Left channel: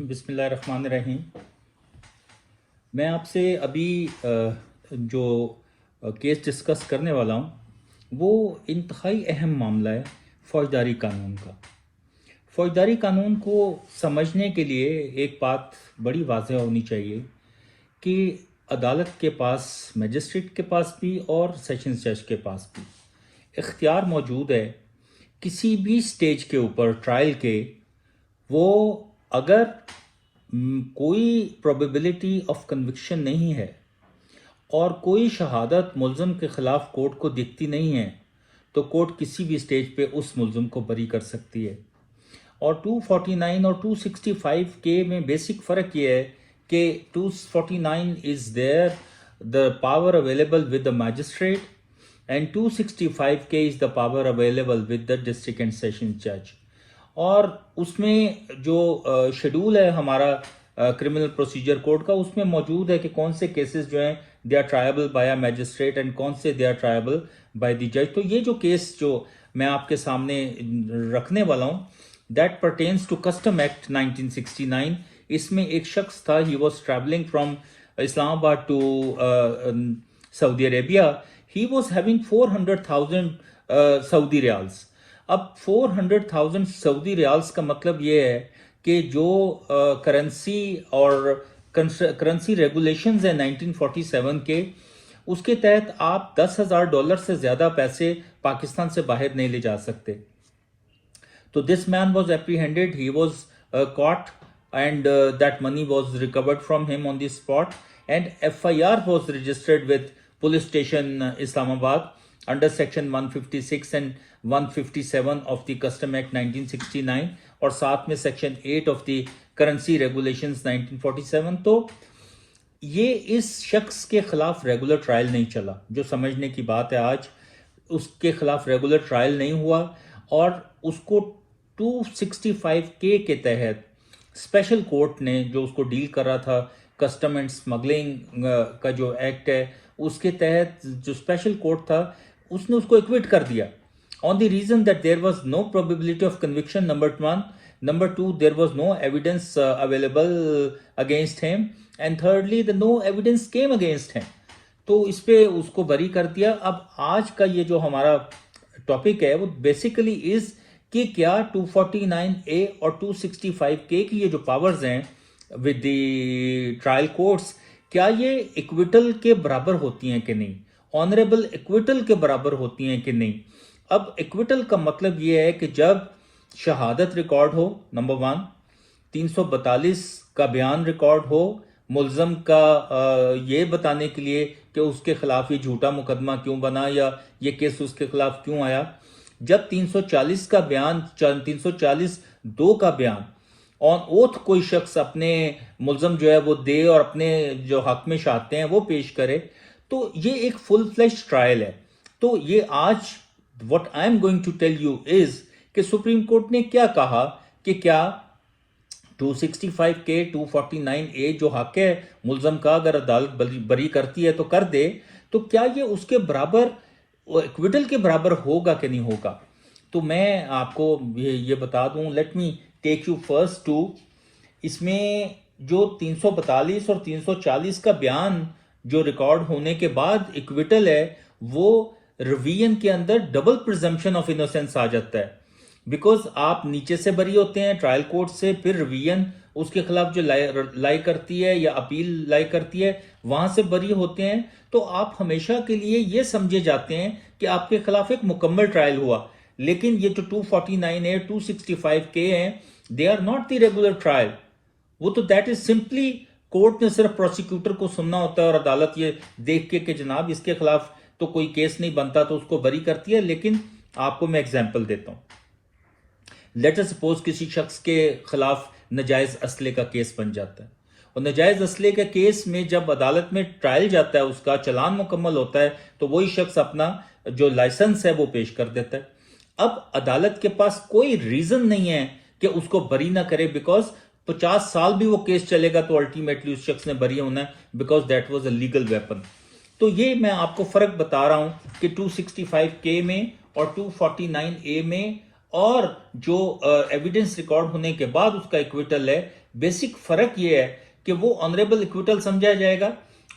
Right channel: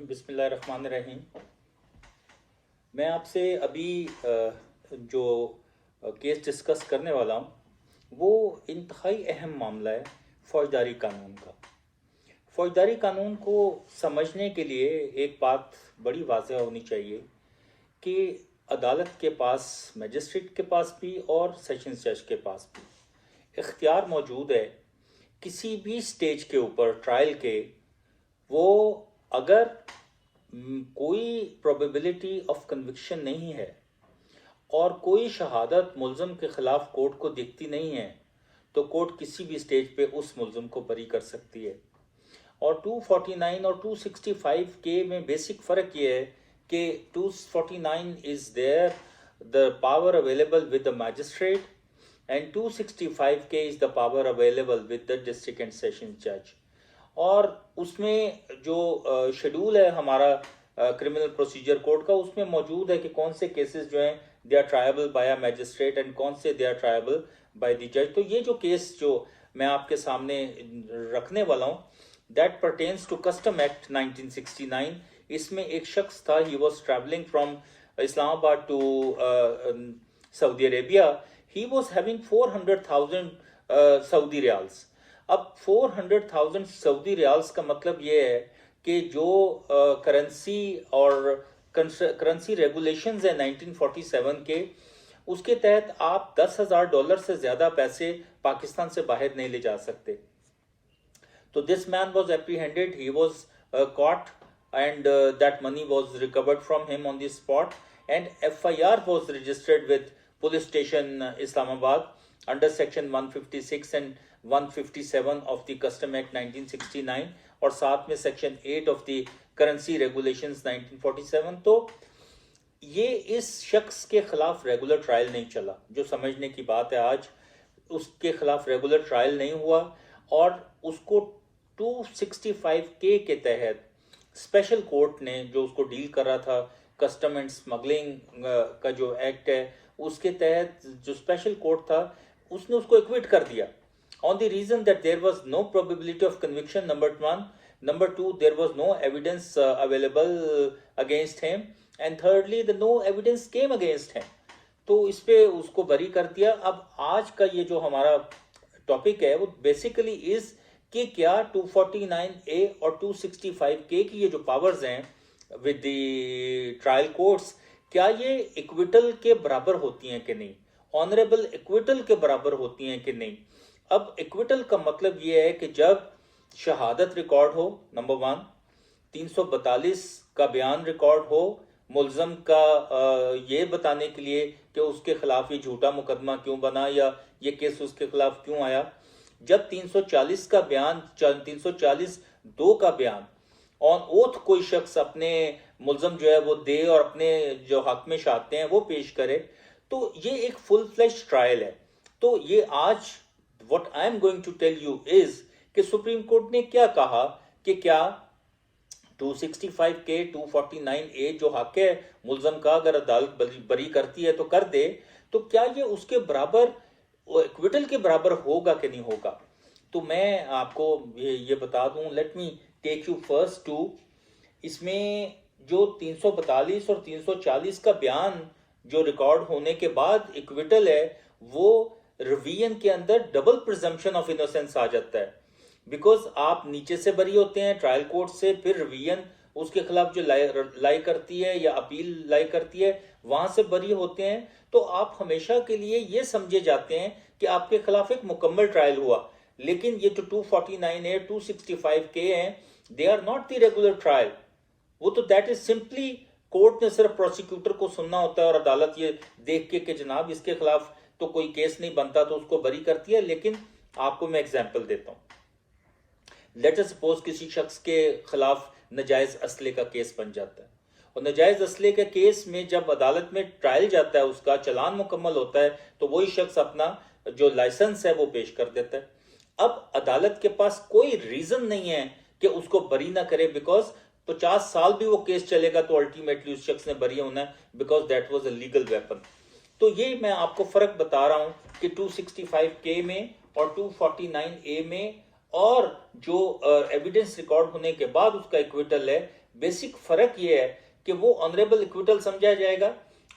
बिस्मिल्लाहिर्रहमानिर्रहीम। मैं आपसे अभी जो केस डिस्कस करने वाला हूँ वो इंतहाई अहम मामला है फौजदारी कानून का। फौजदारी कानून को समझने के लिए एक बात बड़ी वाज़ेह होनी चाहिए कि अदालत के पास, मजिस्ट्रेट के पास भी और सेशंस जज के पास भी इख्तियार मौजूद है किसी भी स्टेज के ऊपर ट्रायल के, वो अगर कोई प्रोबेबिलिटी ऑफ कन्विक्शन नहीं है और कोई शहादत मुल्ज़िम के ख़िलाफ़ कोर्ट को दिखती नहीं है तो कोर्ट किसी भी स्टेज पे उस मुल्ज़िम को बरी कर सकती है। और 249 और 265 के में बेसिक फ़र्क ये है कि 249 is there the power available with the magistrate and 265 के is the power available with the district and session जज। और उसमें जो शेड्यूल है हमारा क्रिमिनल प्रोसीजर कोड का, उसमें मौजूद है कि कौन से केसेस जो हैं they are triable by a magistrate and कौन से they are triable by the जज। तो ये जो केस जो मैं आपके सामने रखने वाला हूँ that pertains to custom act 1969। इसमें एक शख्स था, he was travelling from Islamabad to Saudi Arabia. He was having 400,000 Saudi riyals. अब 400,000 सऊदी रियाल्स का मतलब ये है कि जो करेंसी और करेंसी रेगुलेशंस है 1947 के, उसके तहत आप $10,000 से ज्यादा पैसे पाकिस्तान से बाहर नहीं ले जा सकते। तो this man was apprehended, he was caught and that money was recovered from him on the spot, and FIR was registered with police station Islamabad under section 156 and 157 of the Custom Act 1969 और साथ में section 8 of the Currency Regulations 1947। तो ये इस शख्स के खिलाफ regular trial नहीं चला, जो समझने की बात है। आज उसके खिलाफ रेगुलर ट्रायल नहीं हुआ और उसको 265 के तहत स्पेशल कोर्ट ने, जो उसको डील कर रहा था कस्टम एंड स्मगलिंग का जो एक्ट है, उसके तहत जो स्पेशल कोर्ट था उसने उसको एक्विट कर दिया on the reason that there was no probability of conviction, number 1, number 2 there was no evidence available against him, and thirdly the no evidence came against him. तो इस पे उसको बरी कर दिया। अब आज का ये जो हमारा टॉपिक है वो बेसिकली इज कि क्या 249A और 265K की ये जो पावर्स हैं विद द ट्रायल कोर्ट्स, क्या ये इक्विटल के बराबर होती हैं कि नहीं, ऑनरेबल इक्विटल के बराबर होती हैं कि नहीं। अब इक्विटल का मतलब ये है कि जब शहादत रिकॉर्ड हो, नंबर 1, 342 का बयान रिकॉर्ड हो मुल्ज़म का ये बताने के लिए कि उसके खिलाफ ये झूठा मुकदमा क्यों बना या ये केस उसके खिलाफ क्यों आया। जब 340 का बयान, 340(2) का बयान ऑन ओथ कोई शख्स अपने मुल्ज़म जो है वो दे और अपने जो हक में चाहते हैं वो पेश करे, तो ये एक फुल फ्लैश ट्रायल है। तो ये आज what I am going to tell you is कि सुप्रीम कोर्ट ने क्या कहा कि क्या 265K 249A जो हक है मुल्ज़म का, अगर अदालत बरी करती है तो कर दे, तो क्या ये उसके बराबर इक्विटल के बराबर होगा कि नहीं होगा। तो मैं आपको ये बता दूं, let me take you first to इसमें जो 342 और 340 का बयान जो रिकॉर्ड होने के बाद इक्विटल है, वो रिवीजन के अंदर डबल प्रिजम्पशन ऑफ इनोसेंस आ जाता है। बिकॉज आप नीचे से बरी होते हैं ट्रायल कोर्ट से, फिर रिवीजन उसके खिलाफ जो लाई करती है या अपील लाई करती है वहां से बरी होते हैं, तो आप हमेशा के लिए ये समझे जाते हैं कि आपके खिलाफ एक मुकम्मल ट्रायल हुआ। लेकिन ये जो 249A 265K हैं, they are not the regular trial. वो तो दैट इज सिंपली कोर्ट ने सिर्फ प्रोसिक्यूटर को सुनना होता है और अदालत ये देख के जनाब इसके खिलाफ तो कोई केस नहीं बनता तो उसको बरी करती है। लेकिन आपको मैं एग्जाम्पल देता हूं। लेट अस सपोज किसी शख्स के खिलाफ नजायज असले का केस बन जाता है, और नजायज असले के केस में जब अदालत में ट्रायल जाता है, उसका चलान मुकम्मल होता है, तो वही शख्स अपना जो लाइसेंस है वो पेश कर देता है। अब अदालत के पास कोई रीजन नहीं है कि उसको बरी ना करे, बिकॉज 50 साल भी वो केस चलेगा तो अल्टीमेटली उस शख्स ने बरी होना है, because that was a legal weapon. तो ये मैं आपको फर्क बता रहा हूं कि 265K में और 249A में, और जो एविडेंस रिकॉर्ड होने के बाद उसका इक्विटल है, बेसिक फर्क ये है कि वो ऑनरेबल इक्विटल समझा जाएगा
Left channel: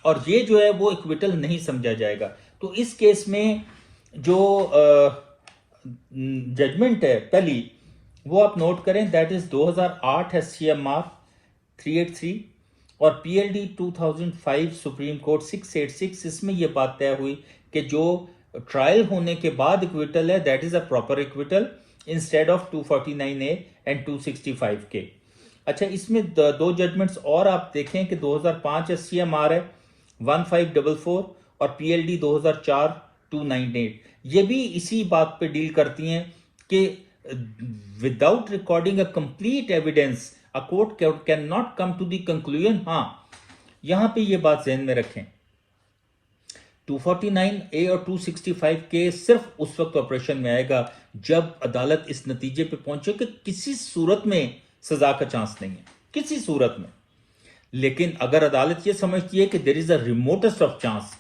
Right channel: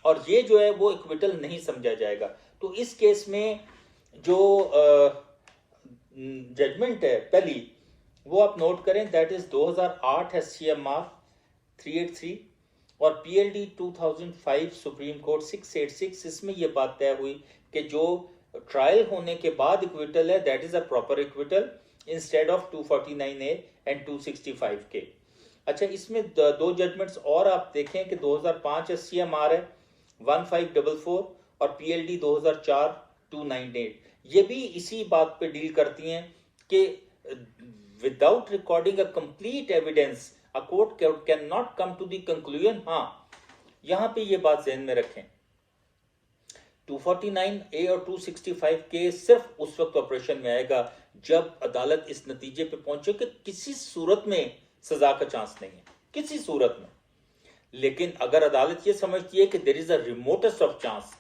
और ये जो है वो इक्विटल नहीं समझा जाएगा। तो इस केस में जो जजमेंट है पहली वो आप नोट करें, दैट इज 2008 SCMR 383 और PLD 2005 सुप्रीम कोर्ट 686। इसमें यह बात तय हुई कि जो ट्रायल होने के बाद इक्विटल है that is a proper acquittal instead of 249A and 265K। अच्छा, इसमें दो जजमेंट्स और आप देखें कि 2005 SCMR है 1544 और PLD 2004 298, ये भी इसी बात पे डील करती हैं कि without recording a complete evidence a court can not come to the conclusion. हाँ, यहां पे ये बात ध्यान में रखें, 249A और 265K सिर्फ उस वक्त ऑपरेशन में आएगा जब अदालत इस नतीजे पे पहुंचे कि किसी सूरत में सजा का चांस नहीं है, किसी सूरत में। लेकिन अगर अदालत ये समझती है कि there is a remotest of chance,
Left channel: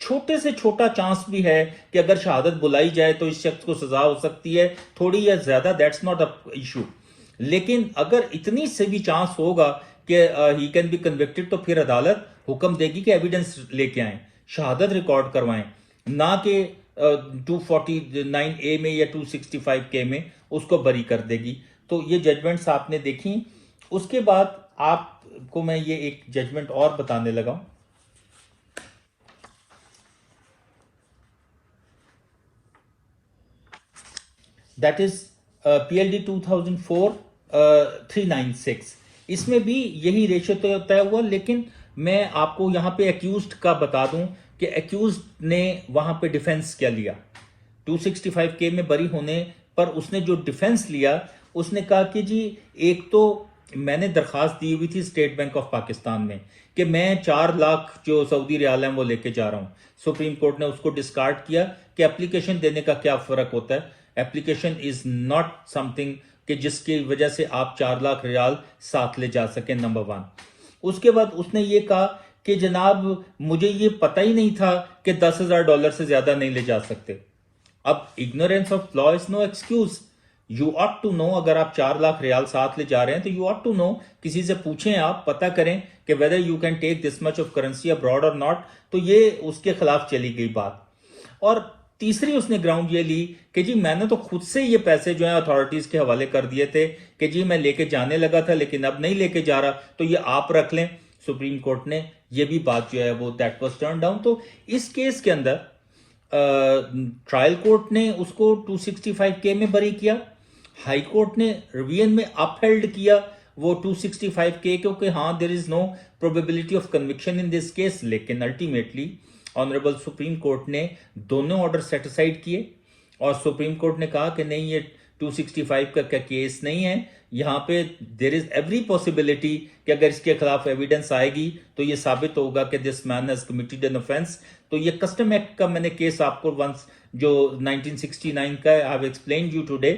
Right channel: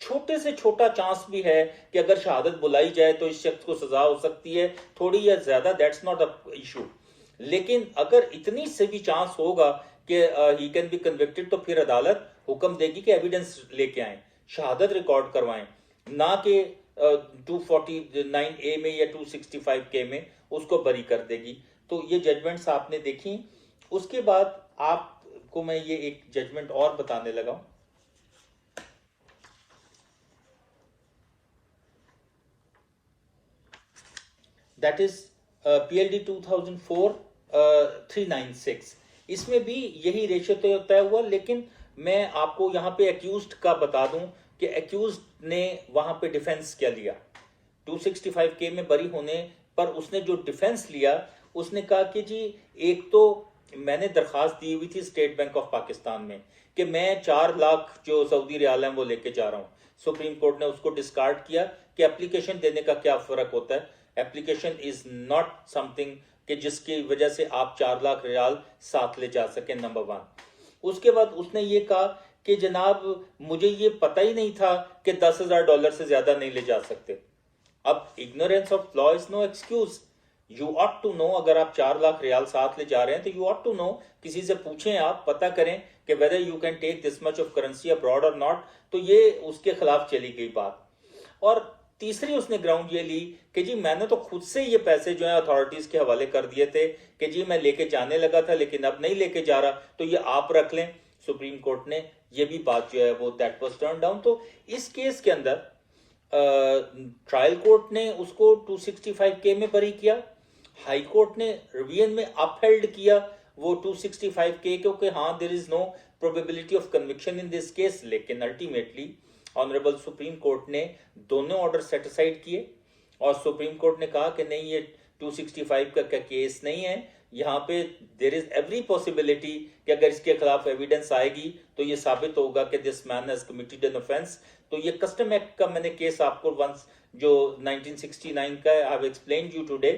छोटे से छोटा चांस भी है कि अगर शहादत बुलाई जाए तो इस शख्स को सजा हो सकती है, थोड़ी या ज्यादा, दैट्स नॉट अ इशू। लेकिन अगर इतनी से भी चांस होगा कि ही कैन बी कन्विक्टेड, तो फिर अदालत हुक्म देगी कि एविडेंस लेके आए, शहादत रिकॉर्ड करवाएं, ना कि 249A में या 265K में उसको बरी कर देगी। तो ये जजमेंट्स आपने देखी। उसके बाद आपको मैं ये एक जजमेंट और बताने लगा, दैट इज PLD 2004 396। इसमें भी यही रेशो तो तय हुआ, लेकिन मैं आपको यहां पे एक्यूज्ड का बता दूं कि एक्यूज्ड ने वहां पे डिफेंस क्या लिया। 265K में बरी होने पर उसने जो डिफेंस लिया, उसने कहा कि जी एक तो मैंने दरखास्त दी हुई थी स्टेट बैंक ऑफ पाकिस्तान में कि मैं 4 लाख जो सऊदी रियाल हैं वो लेके जा रहा हूं। सुप्रीम कोर्ट ने उसको डिस्कार्ड किया कि एप्लीकेशन देने का क्या फर्क होता है, एप्लीकेशन इज नॉट समथिंग कि जिसकी वजह से आप 4 लाख रियाल साथ ले जा सकें, नंबर 1। उसके बाद उसने ये कहा कि जनाब मुझे ये पता ही नहीं था कि $10,000 से ज्यादा नहीं ले जा सकते। अब ignorance of law is no excuse, you ought to know. अगर आप 4 लाख रियाल साथ ले जा रहे हैं तो यू ऑट टू नो, किसी से पूछें, आप पता करें कि whether you can take this much of currency abroad और नॉट। तो ये उसके खिलाफ चली गई बात। और तीसरी उसने ग्राउंड ये ली कि जी मैंने तो खुद से ये पैसे जो है अथॉरिटीज के हवाले कर दिए थे कि जी मैं लेके जाने लगा था लेकिन अब नहीं लेके जा रहा, तो ये आप रख लें। सुप्रीम कोर्ट ने ये भी बात जो है वो दैट वाज टर्न डाउन। तो इस केस के अंदर ट्रायल कोर्ट ने उसको 265K में बरी किया, हाई कोर्ट ने रिवीजन में अपहेल्ड किया वो 265K, क्योंकि हाँ there is no probability of conviction in this case. लेकिन अल्टीमेटली ऑनरेबल सुप्रीम कोर्ट ने दोनों ऑर्डर सेटिसाइड किए और सुप्रीम कोर्ट ने कहा कि नहीं, ये 265 का केस नहीं है, यहाँ पे देयर इज एवरी पॉसिबिलिटी कि अगर इसके खिलाफ एविडेंस आएगी तो ये साबित होगा कि this man has committed an offence. तो ये कस्टम एक्ट का मैंने केस आपको वंस जो 1969 का है, I have explained you today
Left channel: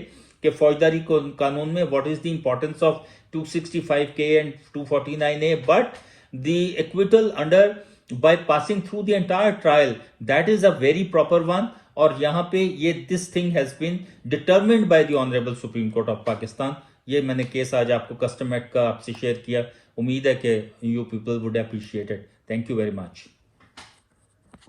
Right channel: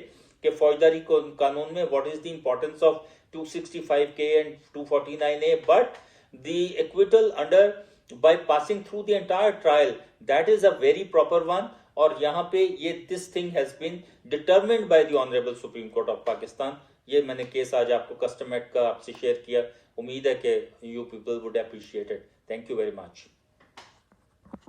कि फौजदारी कानून में what is the importance of 265K and 249A, but the acquittal under by passing through the entire trial, that is a very proper one। और यहां पे ये this thing has been determined by the honorable Supreme Court of Pakistan। ये मैंने case आज आपको custom act का आपसे शेयर किया, उम्मीद है कि you people would appreciate it। Thank you very much।